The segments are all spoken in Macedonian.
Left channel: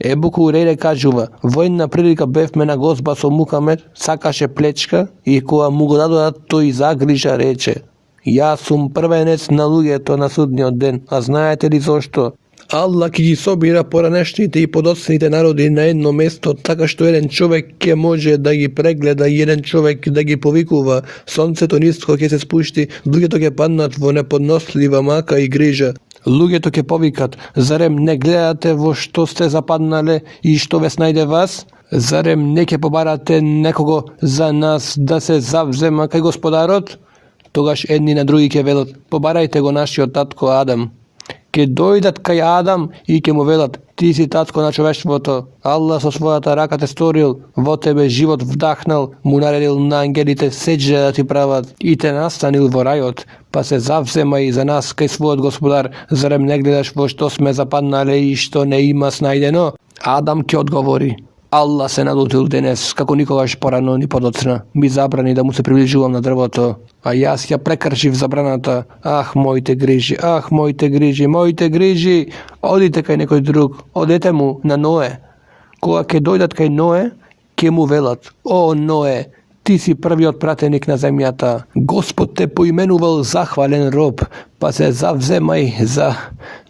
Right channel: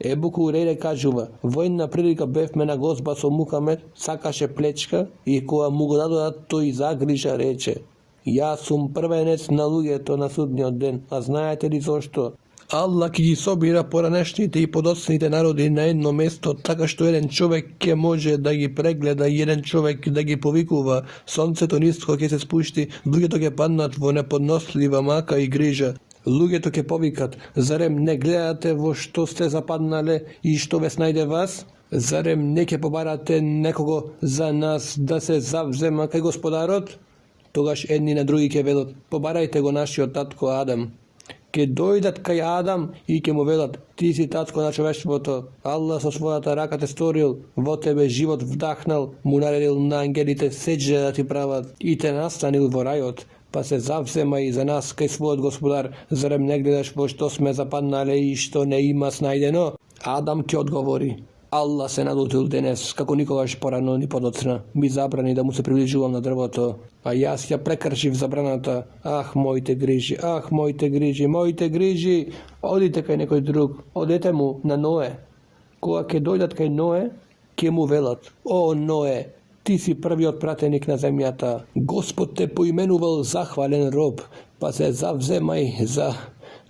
Ебу Хурейре кажува, војна прилика бевме на гозба со Мухамед, сакаше плечка и кога му го дадоа тој загрижа рече: Јас сум првенец на луѓето на судниот ден, а знаете ли зошто? Аллах ќе ги собира поранешните и подоцните народи на едно место, така што еден човек ќе може да ги прегледа и еден човек да ги повикува. Сонцето ниско ќе се спушти, луѓето ќе паднат во неподнослива мака и грижа. Луѓето ќе повикат: зарем не гледате во што сте западнале и што ве снајде вас? Зарем не ќе побарате некого за нас да се завзема кај Господарот? Тогаш едни на други ќе велат: побарајте го нашиот татко Адам. Ке дојдат кај Адам и ке му велат: ти си татко на човештвото, Аллах со својата рака те сторил, во тебе живот вдахнал, му наредил на ангелите седжа да ти прават и те настанил во рајот, па се завзема и за нас кај својот Господар, зарем не гледаш во што сме западнале и што не има снајдено? Адам ќе одговори: Аллах се налутил денес, како никогаш порано ни подоцна. Ми забрани да му се приближувам на дрвото, а јас ја прекршив забраната. Ах, моите грижи, ах, моите грижи, моите грижи! Одите кај некој друг, одете му на Ное. Кога ќе дојдат кај Ное, ќе му велат: О, Ное, ти си првиот пратеник на земјата. Господ те поименувал захвален роб, па се завземај за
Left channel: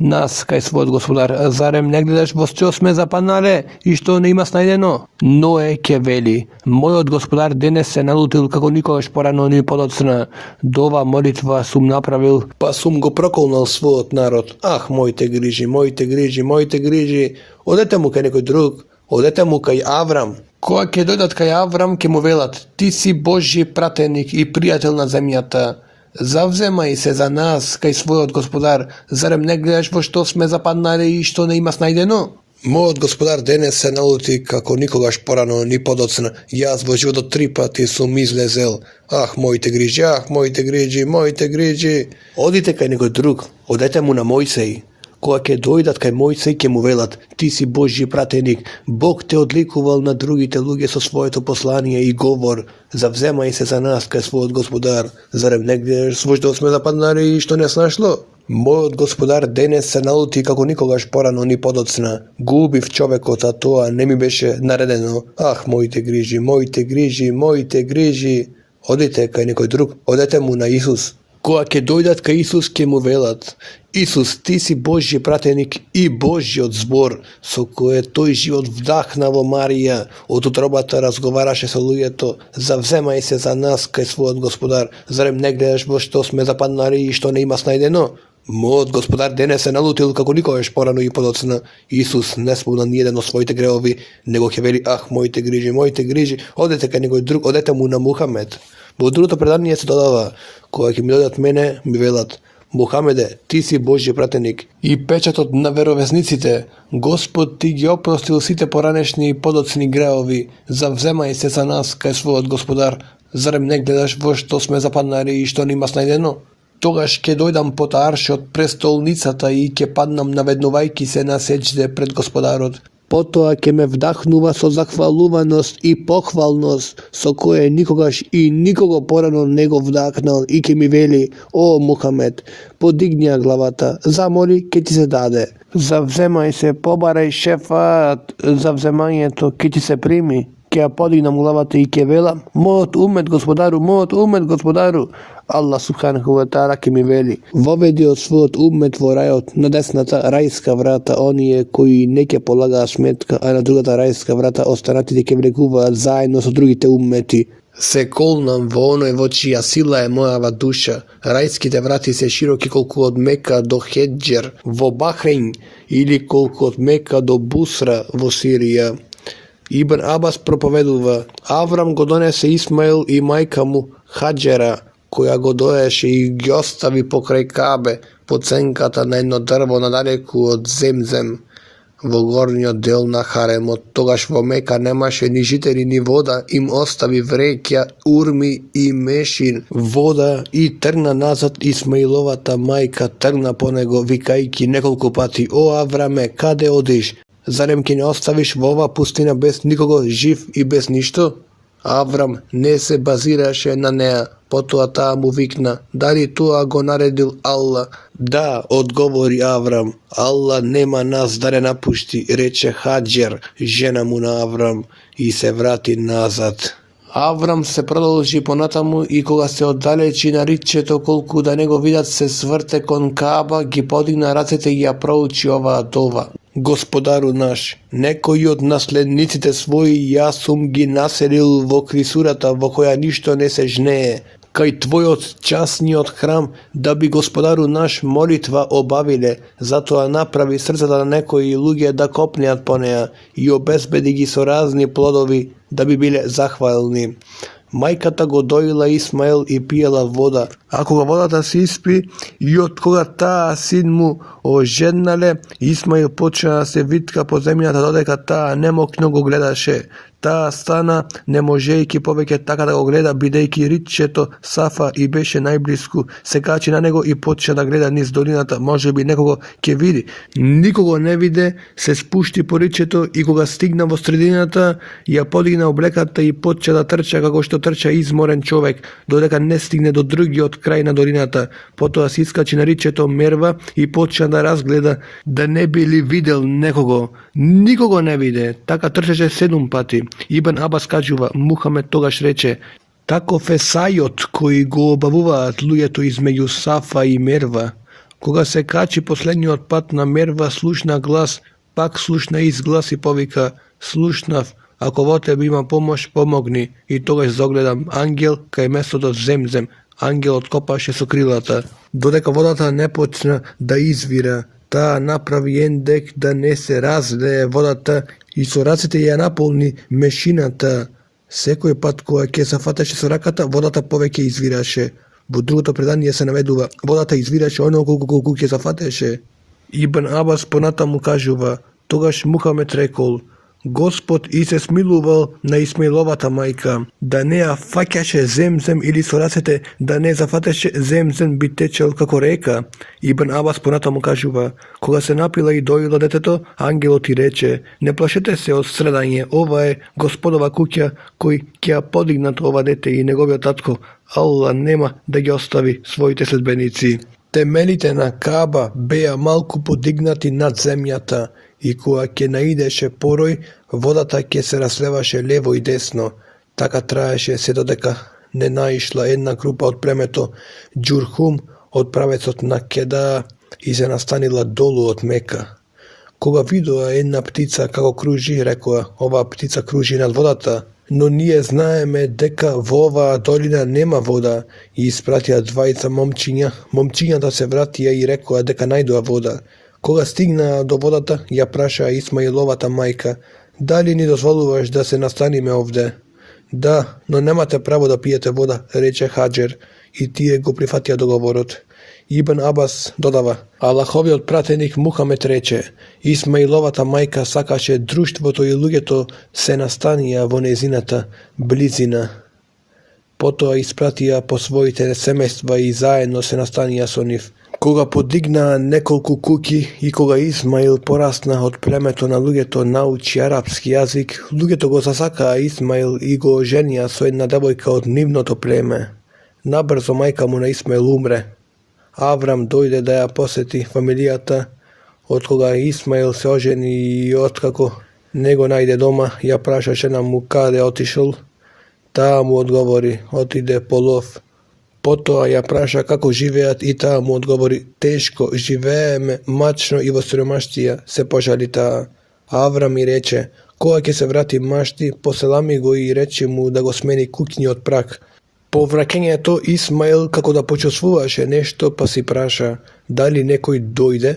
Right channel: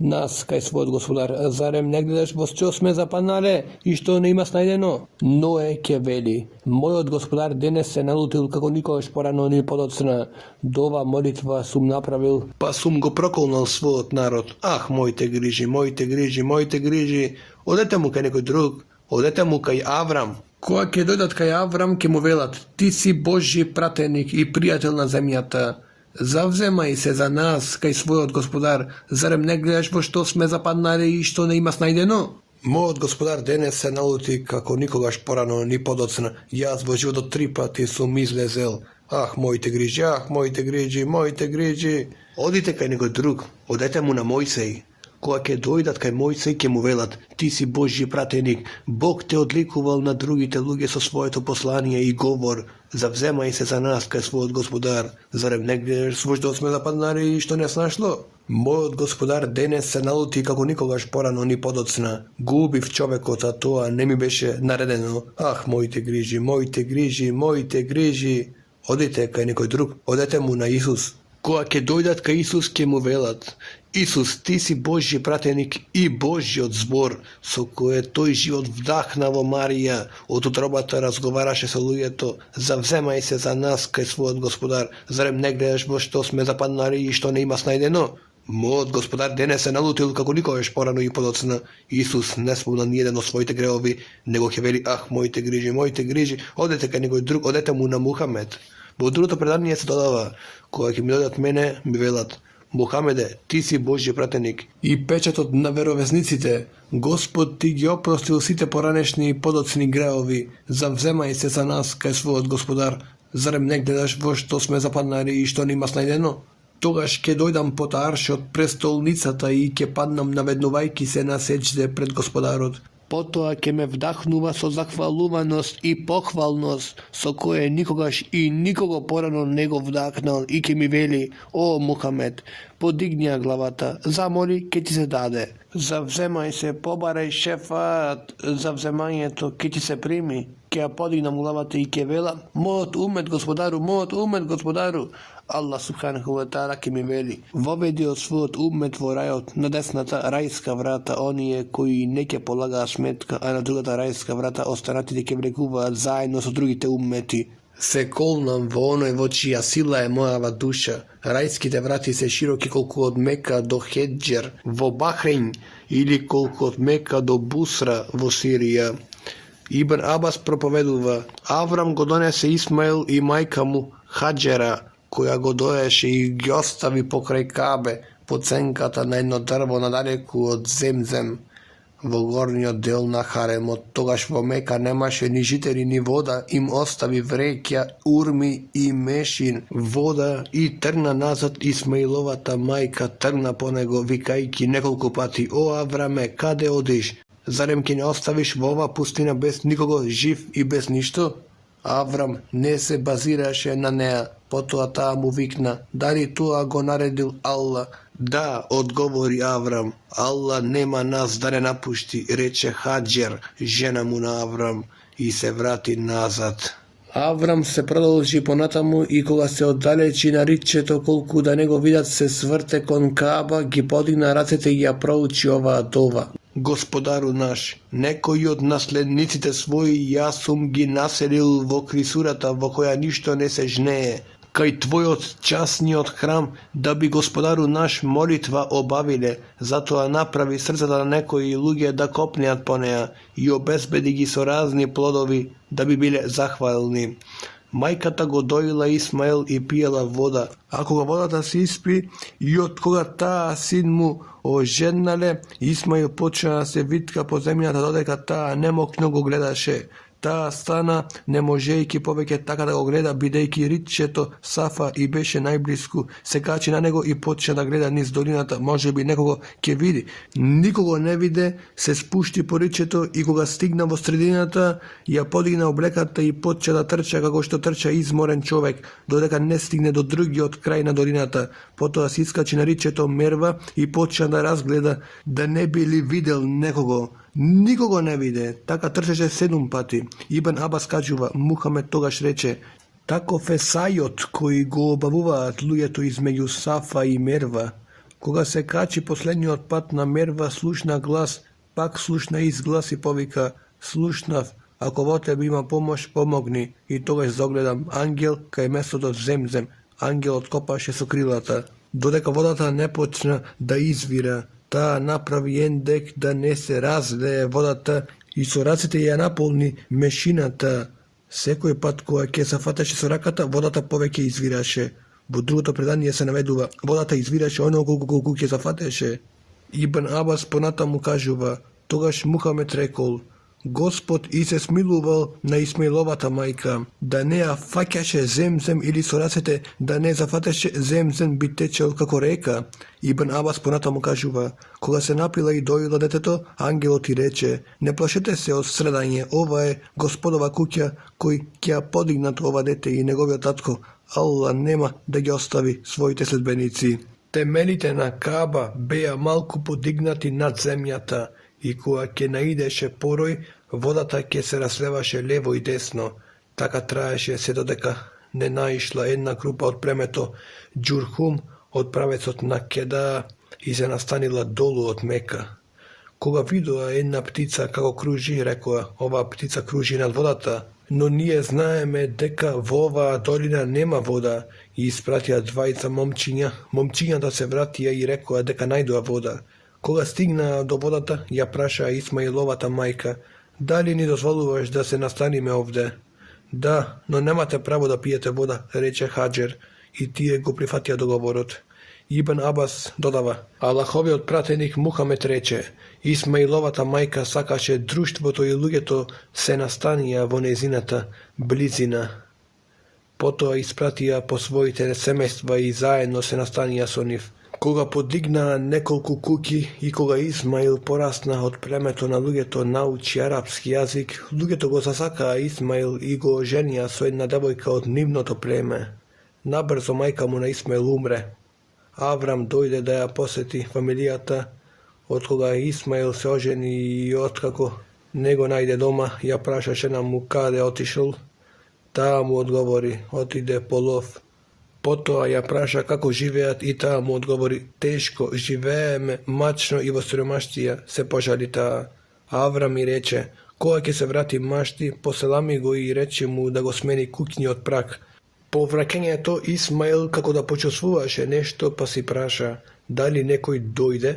нас кај својот Господар. Зарем не гледаш во што сме западнале и што не има снајдено? Ное ќе вели: мојот Господар денес се налутил како никогаш порано ни подоцна. До ова молитва сум направил, па сум го проколнал својот народ. Ах, моите грижи, моите грижи, моите грижи! Одете му кај некој друг, одете му кај Аврам. Кога ќе дојдат кај Аврам, ќе му велат: ти си Божји пратеник и пријател на земјата. Завземај се за нас кај својот Господар, зарем не гледаш во што сме западнале и што не има снајдено? Мојот Господар денес се налути како никогаш порано ни подоцна. Јас во животот 3 пати сум излезел. Ах, моите грижи, ах, моите грижи, моите грижи! Одите кај некој друг, одете му на Мојсеј. Кога ќе дојдат кај Мојсеј, ќе му велат: ти си Божји пратеник, Бог те одликувал на другите луѓе со своето послание и говор. Завземај се за нас кај својот Господар, зарем не гледаш во што сме западнале и што не снашло? Мојот Господар денес се налути како никогаш порано ни подоцна. Губив човекот, а тоа не ми беше наредено. Ах, моите грижи, моите грижи, моите грижи! Одите кај некој друг, одете му на Исус. Кога ќе дојдат кај Исус, ќе му велат: Исус, ти си Божји пратеник и Божјиот збор, со кое тој живот вдахна во Марија, од утробата разговараше со луѓето. Завземај се за нас кај својот Господар, зарем не гледаш во што сме западнале и што не има снајдено? Мојот Господар денес се налутил како никогаш порано и подоцна. Исус не спомна ниеден од своите греови, него ќе вели: ах, моите грижи, одете кај некој друг, одете му на Мухамед. Во другото предание се додава: кога ќе ми дојдат мене, ми велат: Мухамеде, ти си Божји пратеник и печатот на веровесниците. Господ ти ги опростил сите поранешни и подоцни греови. Завземај се за нас кај својот Господар, зарем не гледаш во што сме западнале и што не има снајдено? Тогаш ќе дојдам под аршот престолницата и ќе паднам наведнувајки се на сеџде пред Господарот. Потоа ќе ме вдахнува со захвалуваност и похвалност, со кое никогаш и никого порано не го вдахнал, и ќе ми вели: О, Мухамед, подигни ја главата, замоли, ќе ти се даде. Завземај се, побарај шефаат, завземањето ќе ти се прими. Ќе ја подигнам главата и ќе велам: мојот умет Господару. Аллах субханаху ва таала ќе ми вели: воведи од својот умет во рајот на десната рајска врата оние кои не ќе полагаат сметка, а на другата рајска врата останатите ќе влегуваат заедно со другите уммети. Се колнам во оној во чија сила е мојава душа. Рајските врати се широки колку од Мека до Хеджер во Бахрейн или колку од Мека до Бусра во Сирија. Ибн Абас проповедува: Аврам го донесе Исмаил и мајка му Хаджера, која го доеше и ги остави покрај Кабе, по ценката на едно дрво надалеку од Земзем, во горниот дел на харемот. Тогаш во Мека немаше ни жители ни вода, им остави вреќа, урми и мешин вода и тргна назад. Исмаиловата мајка тргна по него, викајќи неколку пати: О, Авраме, каде одиш? Зарем ќе не оставиш во оваа пустина без никого жив и без ништо? Аврам не се базираше на неа, потоа таа му викна, дали тоа го наредил Алла? Да, одговори Аврам, Алла нема нас да не напушти, рече Хаджер, жена му на Аврам, и се врати назад. Аврам се продолжи понатаму и кога се оддалечи на ричето колку да не го видат се сврте кон Кааба, ги подигна рацете и ја проучи оваа дова. Господару наш, некои од наследниците своји јас сум ги населил во крисурата во која ништо не се жнее, кај твојот частниот храм, да би Господару наш молитва обавиле, затоа направи срцата на некои луѓе да копнеат по неа и обезбеди ги со разни плодови, да би биле захвални. Мајката го доила Исмаел и пиела вода, а кога водата се испи и од кога таа син му ожеднале, Исмаел почна да се витка по земјата додека таа немокно го гледаше. Таа стана, не можејќи повеќе така да го гледа, бидејќи ричето Сафа и беше најблиску, се качи на него и почна да гледа низ долината, можеби некого ќе види. Никого не виде, се спушти по ричето и кога стигна во средината, ја подигна облеката и почна да трча како што трча изморен човек, додека не стигне до другиот крај на долината. Потоа се искачи на ричето Мерва и почна да разгледа, да не би ли видел некого. Никого не виде, така трчаше 7 пати. Ибн Абас кажува, Мухамед тогаш рече, таков е сајот кој го обавуваат луѓето измеѓу Сафа и Мерва. Кога се качи последниот пат на Мерва, слушна глас, пак слушна изглас и повика, слушнав, ако во тебе има помош, помогни. И тогаш загледам ангел кај местото Земзем. Ангелот копаше со крилата. Додека водата не почна да извира, таа направи ендек да не се разлее водата и со рацете ја наполни мешината. Секој пат кога ќе се фатеше со раката, водата повеќе извираше. Во другото предание се наведува, водата извираше оноко колку ќе се фатеше. Ибн Абас понатаму кажува, тогаш Мухамед рекол, Господ и се смилувал на Исмаиловата мајка, да не ја фаќаше Земзем или со рацете да не зафатеше Земзем би течел како река. Ибн Абас понатаму кажува, кога се напила и доила детето, ангелот и рече, не плашете се од страдање, ова е Господова куќа кој ќе ја подигнат ова дете и неговиот татко, Алла нема да ги остави своите следбеници. Темелите на Кааба беа малку подигнати над земјата, и кога ќе наидеше порој, водата ќе се разлеваше лево и десно. Така траеше се додека не наишла една група од племето Џурхум од правецот на Кеда и се настанила долу од Мека. Кога видоа една птица како кружи, рекоа, оваа птица кружи над водата, но ние знаеме дека во оваа долина нема вода, и испратија двајца момчиња. Момчињата се вратија и рекоа дека најдоа вода. Кога стигна до водата, ја праша Исмаиловата мајка, дали ни дозволуваш да се настаниме овде? Да, но немате право да пиете вода, рече Хаджер, и тие го прифатија договорот. Ибн Абас додава, Аллаховиот пратеник Мухамед рече, Исмаиловата мајка сакаше друштвото и луѓето се настанија во незината близина. Потоа испратија по своите семејства и заедно се настанија со нив. Кога подигнаа неколку куќи и кога Исмаил порасна од племето на луѓето научи арапски јазик, луѓето го засакаа Исмаил и го оженија со една девојка од нивното племе. Набрзо мајка му на Исмаил умре. Аврам дојде да ја посети фамилијата, од кога Исмаил се ожени и откако не го најде дома, ја праша жена му каде отишол. Таа му одговори, отиде по лов. Потоа ја праша како живеат и таа му одговори, тешко живееме, мачно и во сиромаштија, се пожали таа. Аврам и рече, кога ќе се врати машти, поселами го и рече му да го смени куќниот прак. По враќањето Исмаил како да почувствуваше нешто, па си праша, дали некој дојде?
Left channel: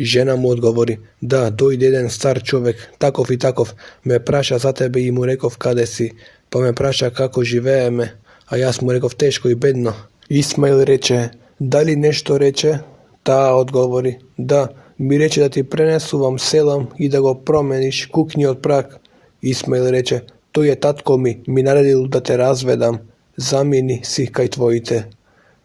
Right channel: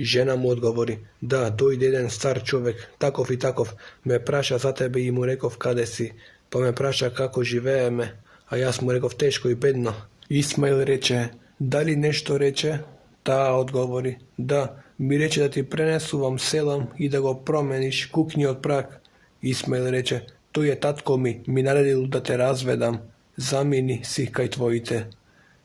Жена му одговори, да, дојде еден стар човек, таков и таков, ме праша за тебе и му реков каде си, па ме праша како живееме, а јас му реков тешко и бедно. Исмаил рече, дали нешто рече? Таа одговори, да, ми рече да ти пренесувам селам и да го промениш куќниот прак. Исмаил рече, тој е татко ми наредил да те разведам, замини си кај твоите.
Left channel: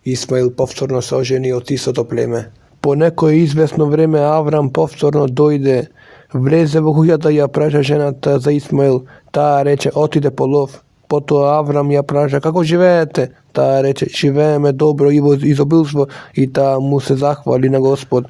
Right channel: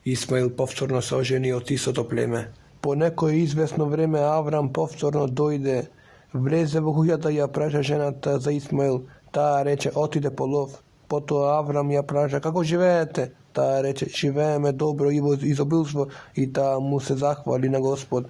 Исмаил повторно се ожени од истото племе. По некое известно време Аврам повторно дојде, влезе во куќата и ја праша жената за Исмаил, таа рече отиде по лов. Potom Avram ja praša, kako živete? Ta reče, živeme dobro i izobilstvo i ta mu se zahvali na Gospod.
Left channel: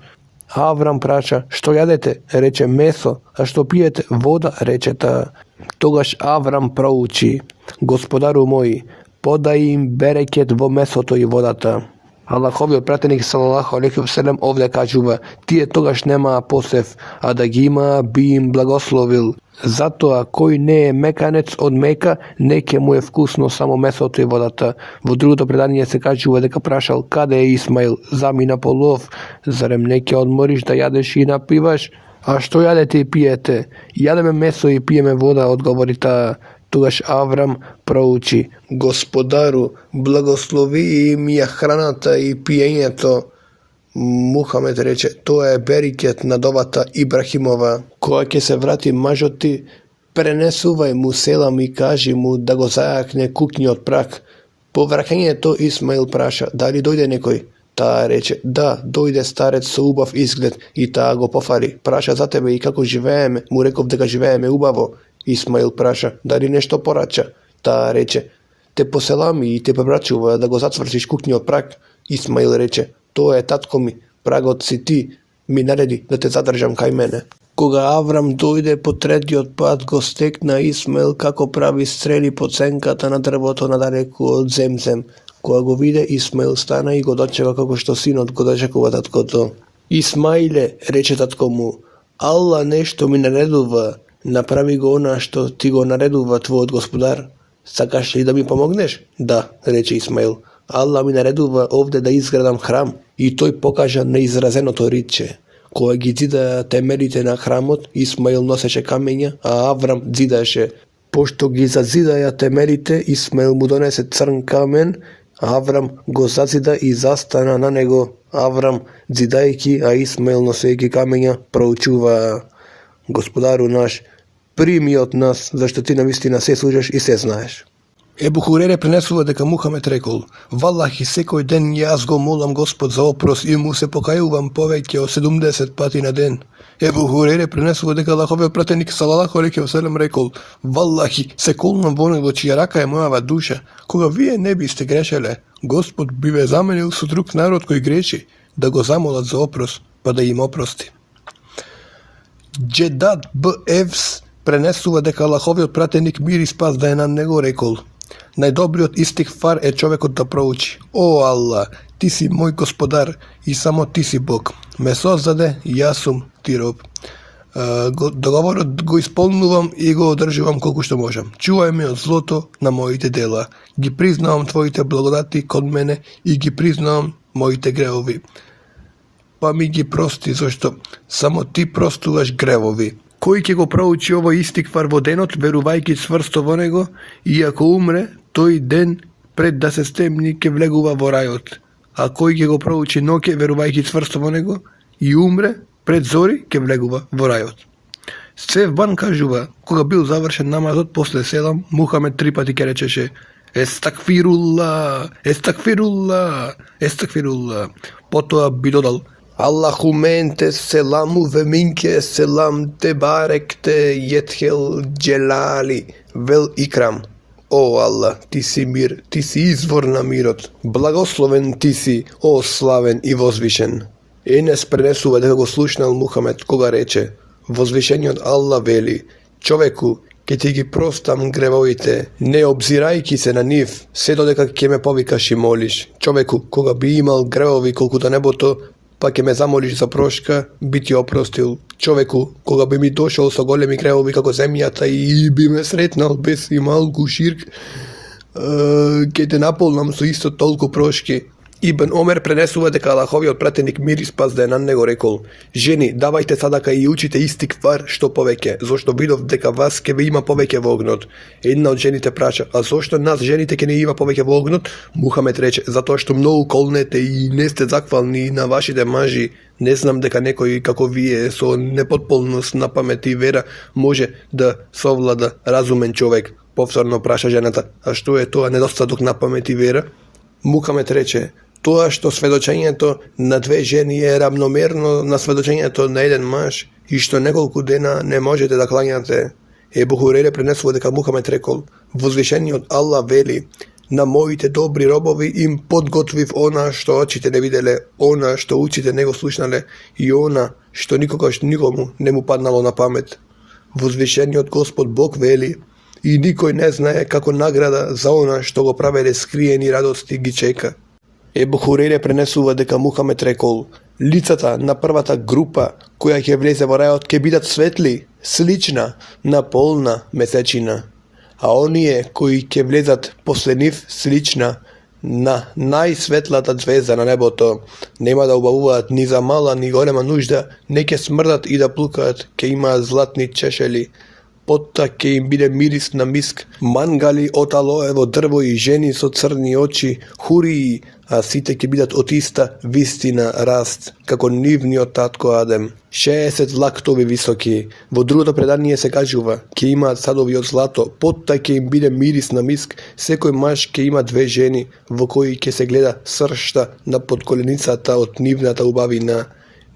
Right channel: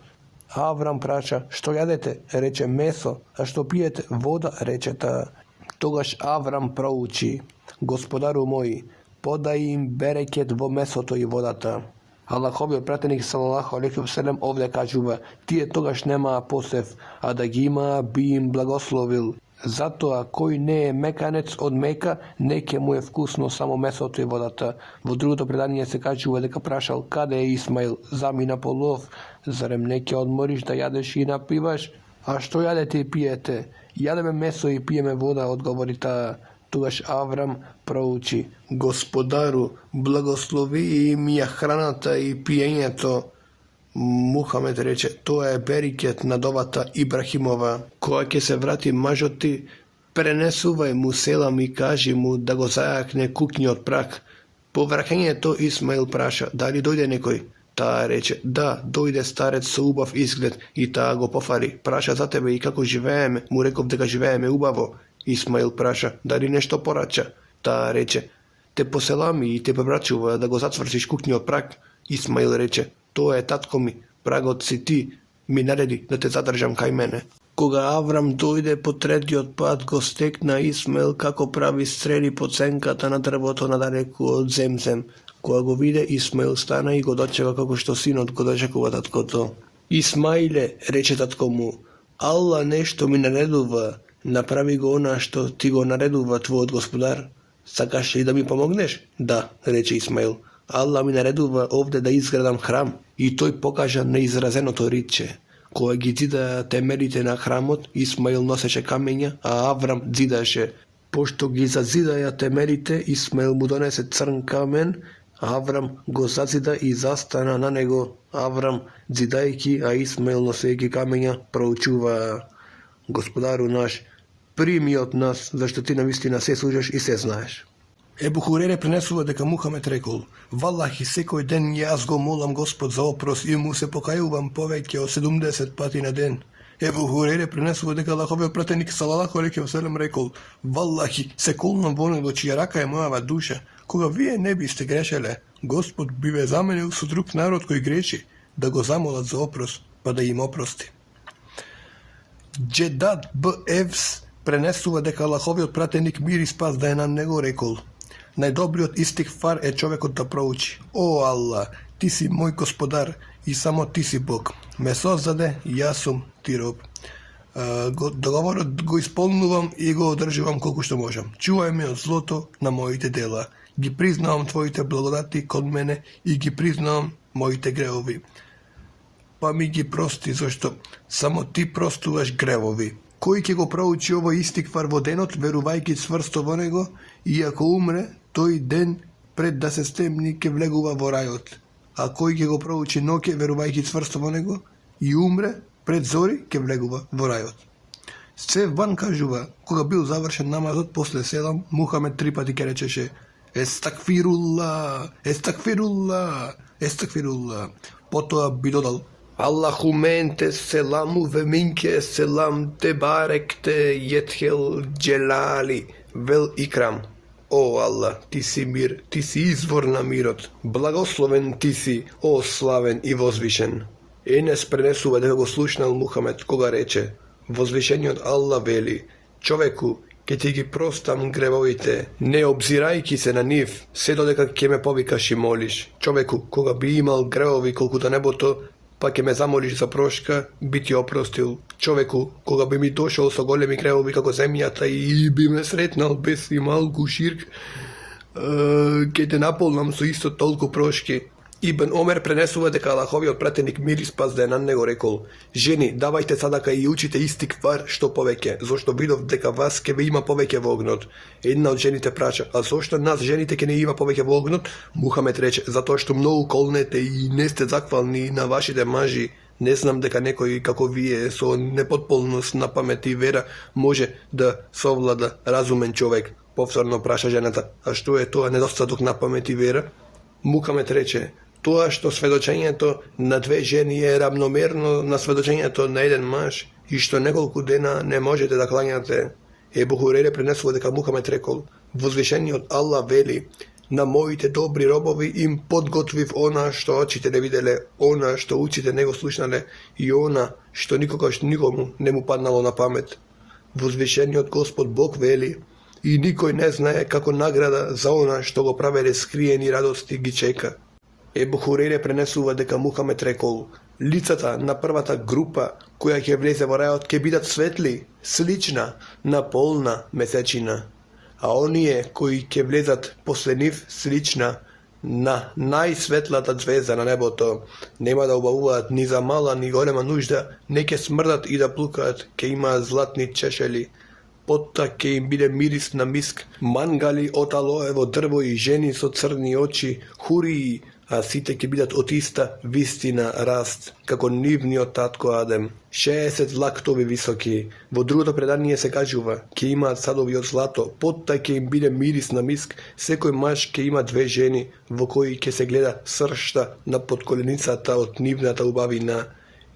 Avram praša, što jadete? Reče, meso. A što pijete? Voda, reče ta. Togaž Avram prouči, Gospodaru moji, podaj im bereket vo mesoto i vodata. Allahovi pratenik sallallahu alejhi ve sellem ovdje kažuva, ti je togaž nema posev, a da gi ima bi im blagoslovil. Zato a koji ne je mekanec od meka, neke mu je vkusno samo mesoto i vodata. Vo drugo predanje se kažuva deka prašal, kada je Ismail, zami na polov, zarem neke odmoriš da jadeš i napivaš? A što jadete i pijete? Jademe meso i pijeme voda, odgovori ta. Togaž Avram prouči, Gospodaru, blagoslovi im je hranata i pijenje to. Muhamed reče, to je beriket nadovata Ibrahimova, koja ke se vrati mažoti, prenesuvaj mu selam i kaži mu da go zajakne kuknji od prak. Po vraćenje to Ismail praša, da li dojde nekoj? Ta reče, da, dojde starec sa ubav izgled i ta go pofari. Praša za tebe i kako živeme, mu rekov da ga živeme ubavo. Ismail praša, da li nešto porača? Ta reče, te poselami i te pobračuva da go zacvršiš kuknji od prak. Ismail reče, to je tatko mi, pragot si ti, mi naredi da te zadržam kaj mene. Koga Avram dojde po tretji odpad, go stekna Ismail kako pravi streli pocenkata na drvoto nadaleku od Zemzem. Koga go vide, Ismail stane i go dočeva kako što sinot go dočekova tatko to. Ismaile, reče tatko mu, Allah nešto mi nareduva, napravi go ona što ti go nareduva tvoj gospodar. Sakaš li da mi pomogneš? Da, reče Ismail. Allah mi nareduva ovdje da izgradam hram i toj pokaža neizrazeno to riče. Kojeg zida temeljite na hramot, Ismail noseće kamenja, a Avram zidaše. Pošto gi zazidaja temeljite, Ismail mu donese crn kamen, Avram go zazida i zastana na nego. Avram zidajki, a Ismail nosejki kamenja proučuva. Gospodaru naš, primi od nas, zašto ti nam istina sve služeš i sve znaješ. Ebu Hurere prenesuva deka Muhamed rekol, Wallahi sekoj den jaz go molam Gospod za opros i mu se pokajuvam poveke o 70 pati na den. Ebu Hurere prenesuva deka Allahove pratenik sallallahu alejhi ve sellem rekol, Wallahi sekulnom vonego čija raka je mojava duša, koga vi ne biste grešele, Gospod bi ve zamenil su drug narod koji greši, da go zamolat za opros, pa da im oprosti. Džedad b. Evs prenesuva deka Allahovi pratenik mir i spas da je na nego rekol, najdobri od istih far je čovjek da prouči, o Allah, ti si moj gospodar i samo ti si Bog. Me sozzade, ja sum ti rob. Dogovor go ispolnuvam i go održivam koliko što možem. Čuvaj me od zloto na mojite dela. Gi priznavam tvojite blagodati kod mene i gi priznavam mojite greovi. Pa mi gi prosti, zašto samo ti prostuvaš grevovi. Koji ke go prouči ovo isti kvar vodenot, veruvajki čvrsto vo nego, i ako umre, toj den pred da se stemnike vleguva vorajot. A koji ke go prouči noke, veruvajki čvrsto vo nego, i umre, pred zori ke vleguva vorajot. Sev ban kažuva, koga bil završen namazot posle selam, Muhamed 3 pati ke rečeše, Estakfirullah, estakfirullah, estakfirullah. Potom bi dodal, Allahumente selamu ve minke selam te barekte jethel dželali vel ikram. O Allah, ti si mir, ti si izvor na mirot, blagosloven ti si, o slaven i vozvišen. Enes prenesuva da go slušnal Muhamed, koga reče, vozvišenje od Allah veli, čoveku, ke ti gi prostam grevojite, ne obzirajki se na njih, sve dodeka ke me povikaš i moliš. Čoveku, koga bi imal grevovi koliko da nebo to, pa ke me zamoliš za proška, bi ti oprostil. Čoveku, koga bi mi došao sa golemi grevovi kako zemljata i bi me sretnal bez i malku širk, ke te napolnam su isto toliko proški. Ibn Omer prenesuva deka Allahovi pratenik mir i spas da je na nego rekol, ženi, davajte sadaka i učite isti kvar što poveke, zašto vidov deka vas ke vi ima poveke vognot. Jedna od ženite praća, a zašto nas ženite ke ne ima poveke vognot? Muhamed reče, zato što mnogo kolnete i ne ste zahvalni na vašite maži. Ne znam deka nekoj kako vi je so nepotpolnost na pameti i vera može da sovlada razumen čovek. Povsorno praša ženata, a što je to nedostatok na pameti i vera? Muhamed reče, to što svedočenje to na dve ženi je ravnomerno na svedočenje to na jedan maž i što nekoliko dena ne možete da klanjate. Ебу Хурейре пренесува дека Мухамед рекол: возвишениот Аллах вели: на моите добри робови им подготвив она што очите не виделе, она што ушите не го слушнале и она што никогаш никому не му паднало на памет. Возвишениот Господ Бог вели: и никој не знае како награда за она што го правеле скриени радости ги чека. Ебу Хурейре пренесува дека Мухамед рекол: лицата на првата група која ќе влезе во рајот ќе бидат светли, слична на полна месечина, а оние кои ќе влезат после нив слична на најсветлата звезда на небото, нема да убавуваат ни за мала ни голема нужда, не ќе смрдат и да плукаат, ќе имаат златни чешели, потта ќе им биде мирис на миск, мангали од алоево дрво и жени со црни очи, хурии, а сите ќе бидат од иста вистина раст, како нивниот татко Адем. 60 лактови високи. Во другото предание се кажува: ќе имаат садови од злато, потта ќе им биде мирис на миск, секој маж ќе има 2 жени, во кои ќе се гледа сршта на подколеницата од нивната убавина.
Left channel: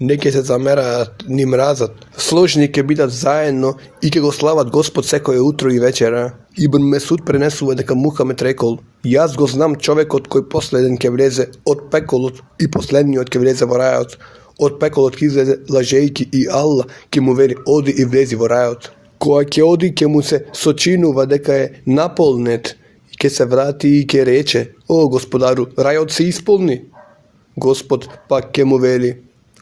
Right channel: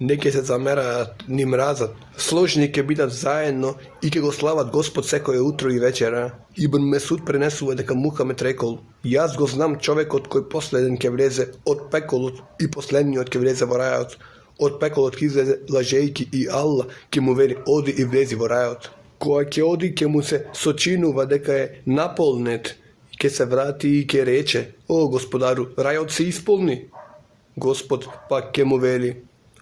Не ќе се замераат ни мразат. Сложни ќе бидат заедно и ќе го слават Господ секое утро и вечера. Ибн Месуд пренесува дека Мухамед рекол: јас го знам човекот кој последен ќе влезе од пеколот и последниот ќе влезе во рајот. Од пеколот ќе излезе лажејки и Аллах ќе му вели: оди и влези во рајот. Која ќе оди ќе му се сочинува дека е наполнет, ќе се врати и ќе рече: о Господару, рајот се исполни. Господ пак ќе му вели:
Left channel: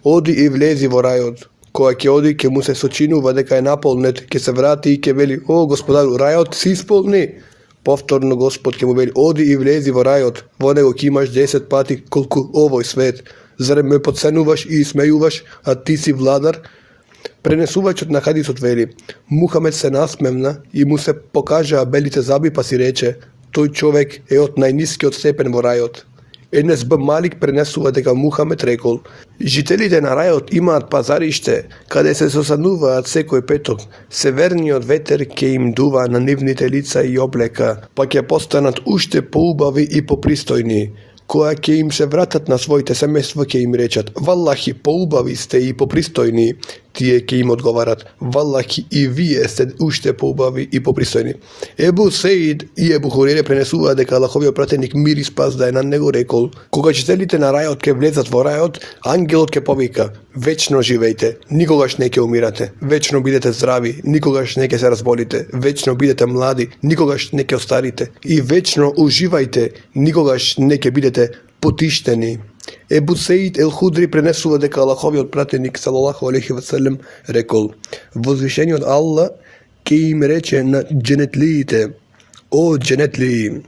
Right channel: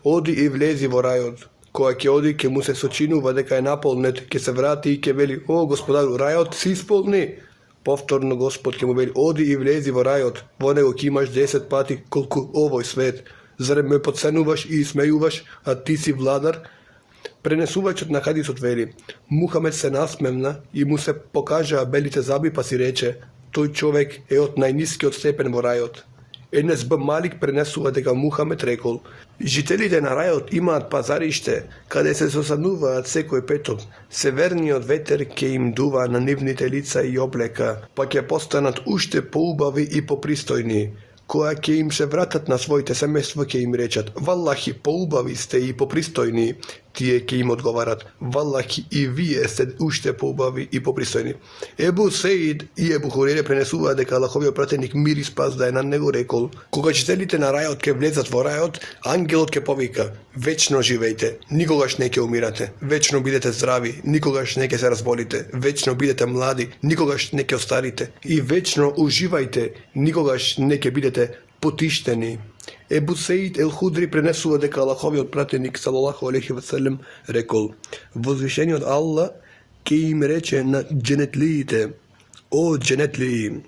оди и влези во рајот. Која ќе оди ќе му се сочинува дека е наполнет, ќе се врати и ќе вели: о Господару, рајот се исполни. Повторно Господ ќе му вели: оди и влези во рајот, во него ќе имаш 10 пати колку овој свет. Зарем ме подценуваш и смејуваш, а ти си владар? Пренесувачот на хадисот вели: Мухамед се насмевна и му се покажаа белите заби, па си рече: тој човек е од најнискиот степен во рајот. Енес Б. Малик пренесува дека Мухамед рекол: жителите на рајот имаат пазариште, каде се сосануваат секој петок. Северниот ветер ќе им дува на нивните лица и облека, па ќе постанат уште поубави и попристојни. Која ќе им се вратат на своите семејства, ќе им речат: валлахи, поубави сте и попристојни. Тие ќе им одговарат: валлахи, и вие сте уште поубави и попристојни. Ебу Сеид и Ебу Хурейре пренесува дека Аллаховиот пратеник мир и спас да е на него рекол: кога жителите на рајот ќе влезат во рајот, ангелот ќе повика: вечно живејте, никогаш не ќе умирате, вечно бидете здрави, никогаш не ќе се разболите, вечно бидете млади, никогаш не ќе остарите, и вечно уживајте, никогаш не ќе бидете потиштени. Ебу Сеид ел Худри пренесува дека Аллаховиот пратеник салалаху алейхи веселем рекол: возвишениот Аллах ќе им рече на дженетлиите: о дженетлии,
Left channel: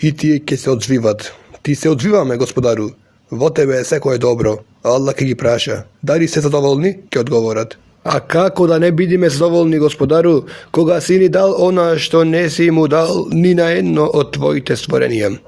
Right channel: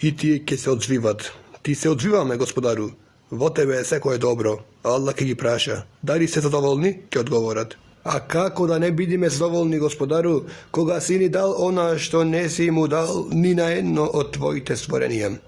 и тие ќе се одзвиват: ти се одзвиваме, Господару, во тебе секое добро. Аллах ќе ги праша: дали се задоволни? Ќе одговорат: а како да не бидиме задоволни, Господару, кога си ни дал она што не си му дал ни на едно од твоите створенија?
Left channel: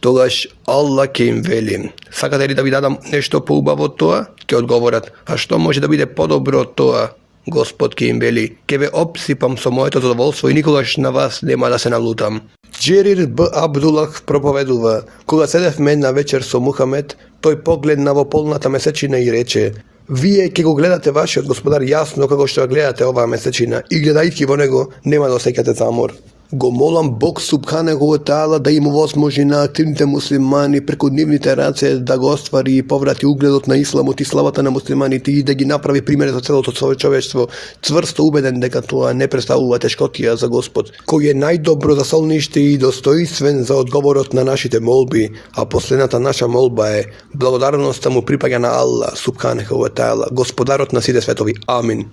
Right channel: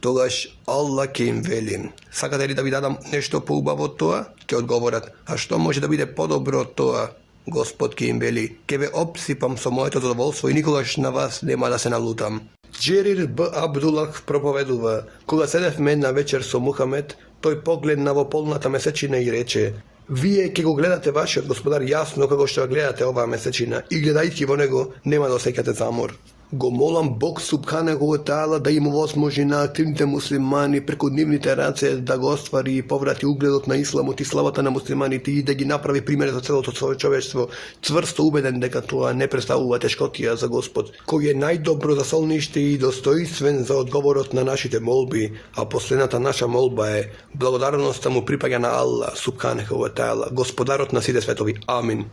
Тогаш Аллах ќе им вели: сакате ли да ви дадам нешто поубаво од тоа? Ќе одговорат: а што може да биде подобро од тоа? Господ ќе им вели: ќе ве обсипам со моето задоволство и никогаш на вас нема да се налутам. Джерир Б. Абдулах проповедува: кога седевме една вечер со Мухамед, тој погледна во полната месечина и рече: вие ќе го гледате вашиот Господар јасно како што гледате оваа месечина, и гледајќи во него нема да осеќате замор. Го молам Бог Субханаху ва Таала да им овозможи на активните муслимани преку нивните раце да го оствари и поврати угледот на исламот и славата на муслиманите и да ги направи пример за целото човечество, цврсто убеден дека тоа не представува тешкотија за Господ, кој е најдобро за солниште и достоинствен за одговорот на нашите молби, а последната наша молба е: благодарноста му припаѓа на Аллах Субханаху ва Таала, Господарот на сите светови. Амин.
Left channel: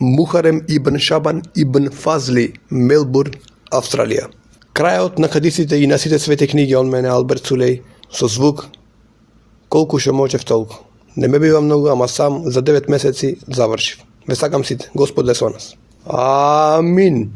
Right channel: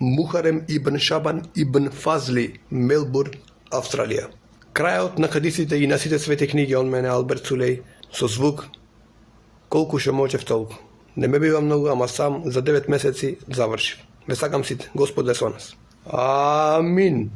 Мухарем ибн Шабан ибн Фазли, Мелбурн, Австралија. Крајот на хадисите и на сите свети книги од мене Алберт Сулеј, со звук колку што можев толку. Не ме бива многу, ама сам за 9 месеци завршив. Ве сакам сите, Господ е со нас. Амин.